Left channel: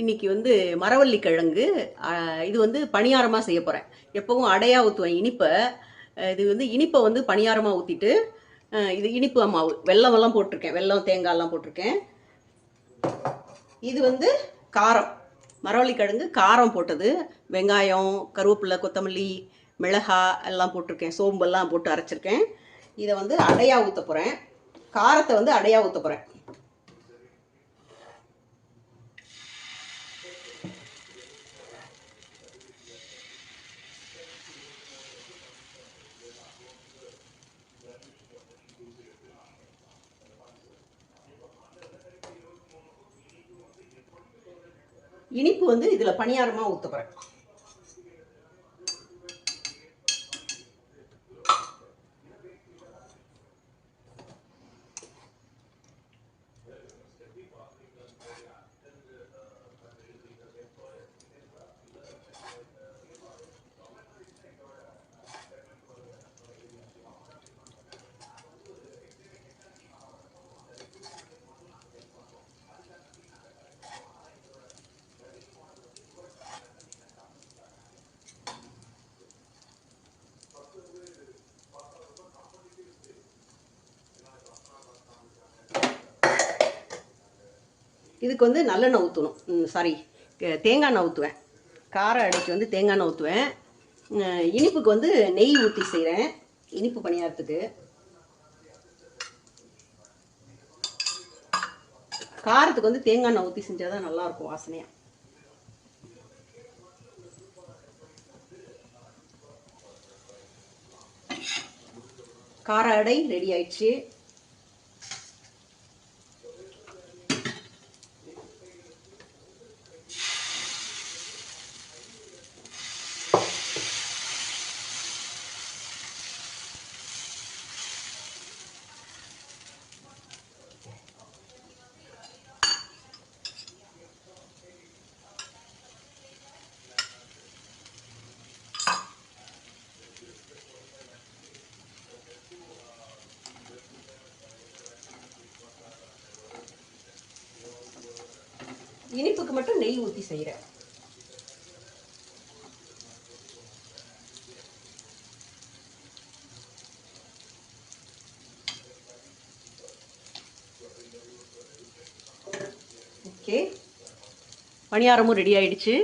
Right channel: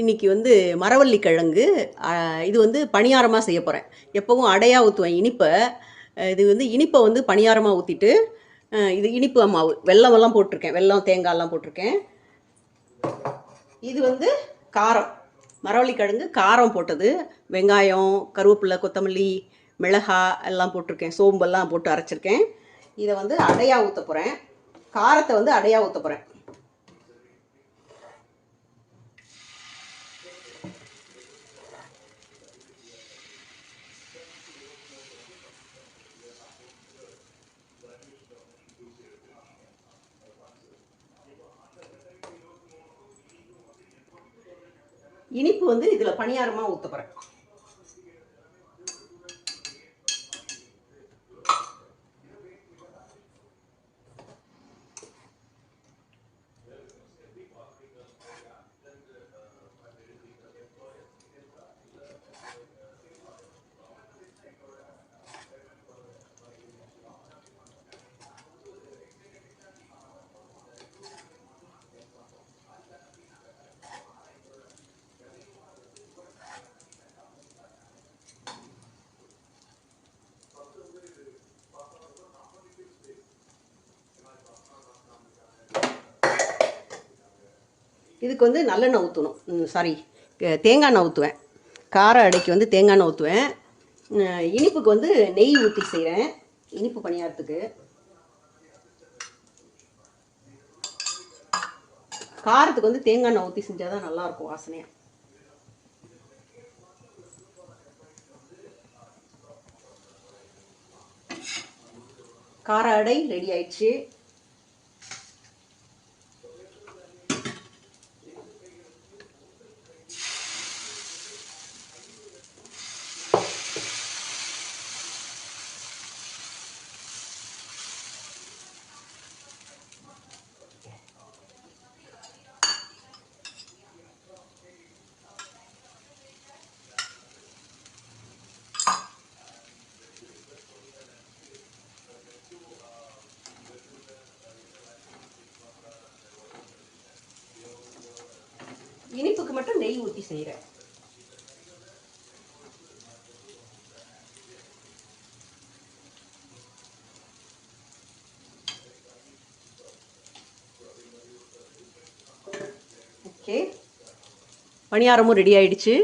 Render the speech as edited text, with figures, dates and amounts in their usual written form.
இன்றைக்கி வந்து மரவள்ளி கிழங்கு இது வந்து பணியாரமாக செய்ய போகிறேன். எப்போவும் அடையாக ஊற்றுவேன் இனிப்பை. இது வந்து இனிப்பை வந்து பணியாரமாக ஊற்றிட்டு இது இனிப்பு மாவு வெல்லமெல்லாம் போட்டிருக்கேன், வெல்லம் தேங்காயெல்லாம் போட்டிருக்கேன். இது வந்து காரம், மரவள்ளி கிழங்கு காரம் போட்டது. வெங்காயம், கருவேப்பிலை, கொத்தமல்லி, மிளகாய் எல்லாம் போட்டிருக்கேன், சோம்பெல்லாம் போட்டு அரைச்சிருக்கேன். இதை வந்து அடையாக ஊற்ற போகிறேன். காரத்தை வந்து அடையாக ஊற்ற போகிறேன். இனிப்பு வந்து இதில் பணியாரமாக ஊற்ற போகிறேன். இதுக்கு வந்து நல்லெண்ணெய் ஊற்றணும், சாரி தேங்காய் எண்ணெய் ஊற்றுவேன். கார அடைக்கு வந்து தேங்காய் எண்ணெய் ஊற்றுவேன். இனிப்புக்கு வந்து நெய் ஊற்றி செய்கிறேன், இனிப்பு பணியாரத்துக்கு. காரத்துக்கு வந்து தேங்காய் எண்ணெய் ஊற்றி செஞ்சால் தான் நல்லாயிருக்கும் வாசனையாக. கார அடை ரெடி ஆயிடுச்சு. இனிப்புக்கு மட்டும் நெய் ஊற்றி செய்கிறேன். ஓகே, பணியாரமும் ரெடி ஆயிடுச்சு.